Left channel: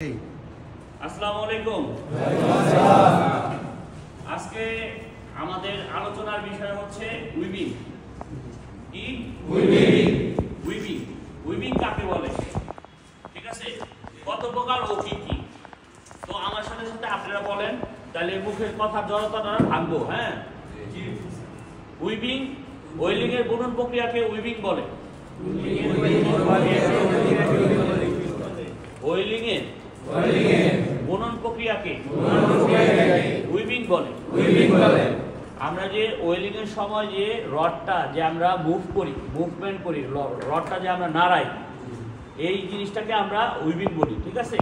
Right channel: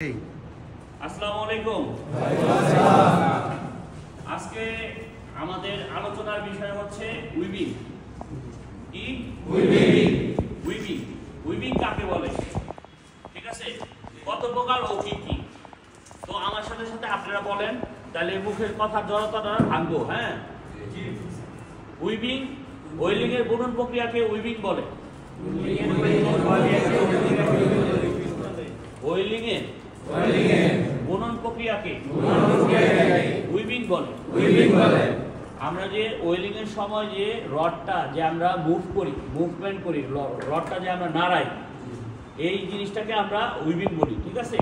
আসসালামু আলাইকুম। আজকে আমাদের আলোচনার বিষয় হচ্ছে উইভিং। কি উইভিং? উইভিং কাকে বলে, ঠিক আছে, কত প্রকার ও কি কি। তো আমার সাথে সাথে আপনারা বলেন, তাহলে মুখের কথা জড়তাটা ভাঙবো। হ্যাঁ, উইভিং, ওয়েলিং এর বুনন প্রক্রিয়াকে উইভিং বলে। ওয়েলিং এর বুনন প্রক্রিয়াকে উইভিং বলে। আমরা যে ওয়েলিং এর সময় যে রডটা যে আমরা মুভমেন্ট করি, রডটা যে আমরা নাড়াই, এই জিনিসটাকে আমরা উইভিং বলি, ঠিক আছে।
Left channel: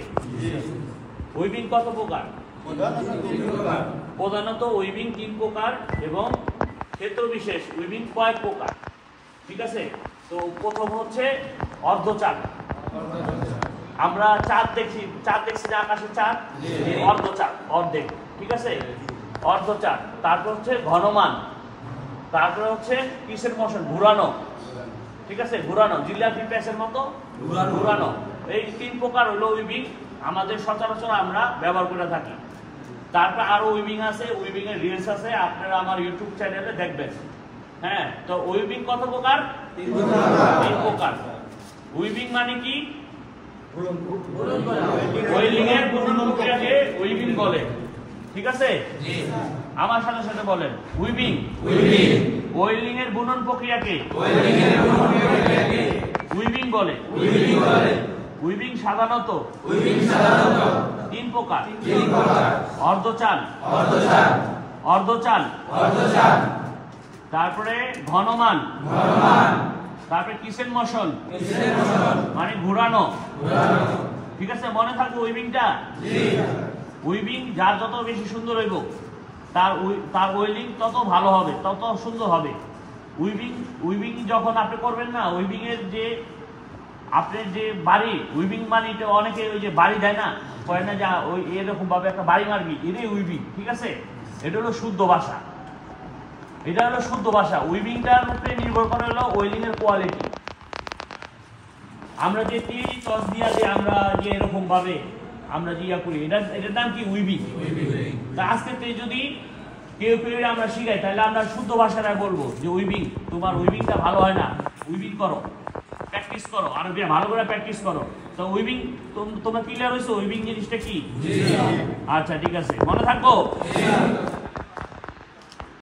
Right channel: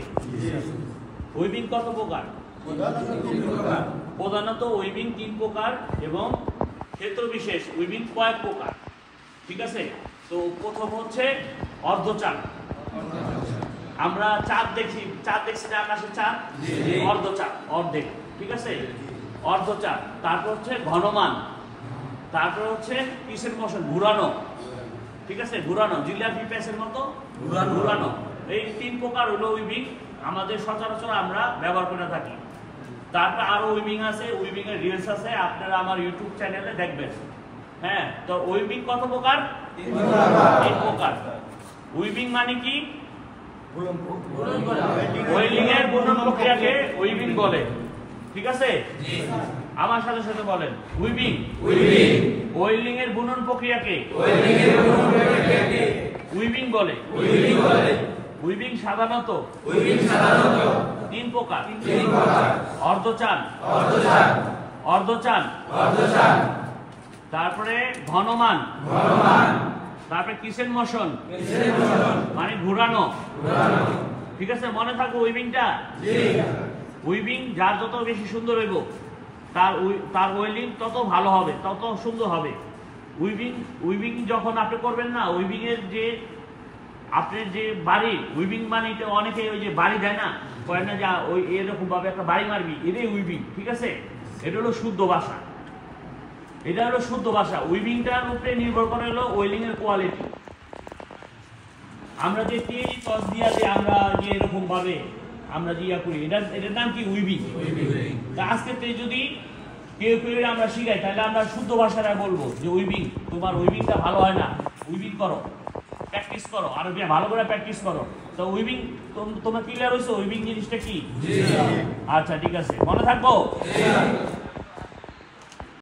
উইভিং কত প্রকার? প্রধানত উইভিং 3 প্রকার এবং ক্ষেত্র বিশেষ উইভিং কয়েক প্রকার, ঠিক আছে। তো প্রথম হচ্ছে অর্ধচাপ। আমরা চাঁদ দেখছি না, আকাশে চাঁদ, অর্ধচাপ, অর্ধেক, ঠিক আছে, অর্ধচাপ। তারপর হচ্ছে ঘনমান, তারপরে হচ্ছে পিসের মোশন, ঘুরানো, ঠিক আছে, ঘুরানো, জিলাপি প্যাসের মতো ঘুরানো। এই 3 প্রকার হলো উইভিং, আমাদের সচরাচর আমরা ব্যবহার করে থাকি। তারপর আরো উইভিং আছে, উইভিং এর রিলস আছে, আপনারা আমার ইউটিউব চ্যানেলে দেখবেন। হ্যাঁ, তো উইভিং কত প্রকার? 3 প্রকার। উইভিং মানে কি? ওয়েলিং এর বুনন প্রক্রিয়াকে উইভিং বলে, ঠিক আছে। আমার সাথে সাথে বলেন, উইভিং ওয়েলিং এর বুনন প্রক্রিয়াকে উইভিং বলে। উইভিং সাধারণত 3 প্রকার: অর্ধচান, তারপরে ঘনমান, তারপরে কিসেন মোশন মানে ঘুরানো, ঠিক আছে। মনে থাকবো উইভিংটা। উইভিং যার যত বেশি সুন্দর হইব, তার ওয়েলিং তত ভালো হবে, তত সুন্দর হবে। উইভিং যখন আপনি করবেন না, উইভিং এর যে আপনার যে বাড়ি, উইভিং মানে অনেকে ওই যে বাড়ি দেয় না, কয় না যা ওই এরকম ভাবে একটা বাড়ি মারবি, এটাই উইভিং, ঠিক আছে। এটা হলো শুদ্ধ ভাষা, এটা হলো শুদ্ধ ভাষা। উইভিংটার উপরে নির্ভর করে হলো ওয়েলিং এর কোয়ালিটি। আমরা যে টিএরি টস দিয়া যে আমরা যে এরকম ভাবে আমরা যে ইয়া করি, এটার নাম কি? উইভিং। তা আজকে যদি কেউ আমরা শিখাই, তাহলে আমরা শুদ্ধ ভাষায় বলবো যে উইভিং, তোমার উইভিংটা ভালো হয় না, উইভিং করো, প্র্যাকটিস করো, আরো ভালো করে প্র্যাকটিস করো। তো উইভিং তোমরা ক্লিয়ার হয়েছো উইভিং জিনিসটা কি? আচ্ছা, ঠিক আছে, মনে থাকবো।